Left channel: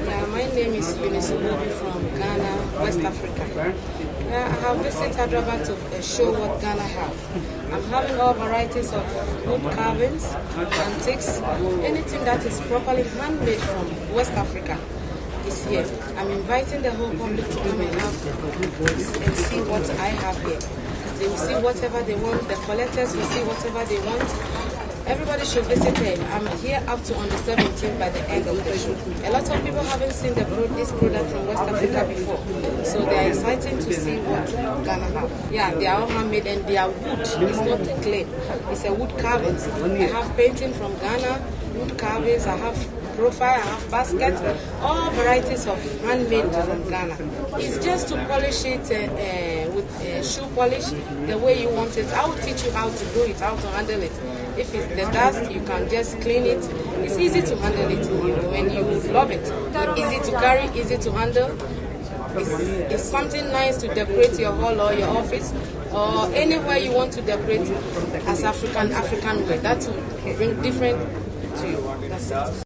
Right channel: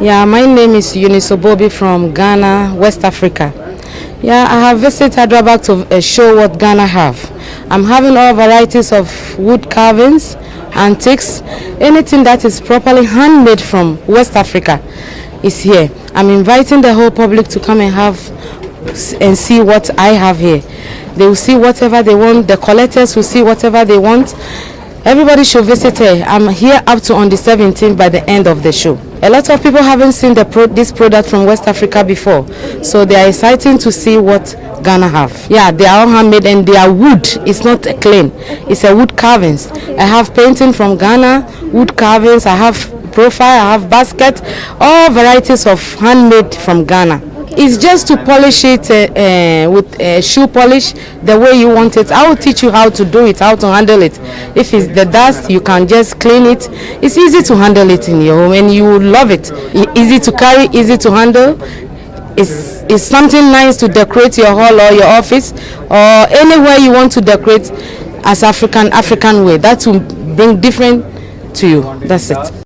Yeah, my name is Eunice Obobi from Ghana, West Africa. Yeah, I have visited Hyderabad to show what Ghana have. I'm having all varieties of wood carvings, antiques, anything that is properly handmade from West Africa is here. I'm inviting the whole public to come and have and see what I have here. They will see whatever they want, the collectors will see whatever they want. Everybody should visit here. I'm here up to on the 17th by the end of the show. A lot of people haven't seen this product from West Africa before, so they are excited to see what Ghana have. Yeah, they are all handmade and they are wood. It's not clean. It's a wood carvings. I have painting from Ghana, wood carvings. I have profile. I have basket, all varieties of handmade from Ghana. It's just to polish it with shoe polish the way you want it. I will teach you how to do it, how to handle it. If it's the dust, you can just clean it. It's easy to handle it in your home and you will love it. Easy to carry, easy to handle. It's something nice to decorate your hall or your office or anywhere you want to decorate as African way. That will bring different to you. That's it.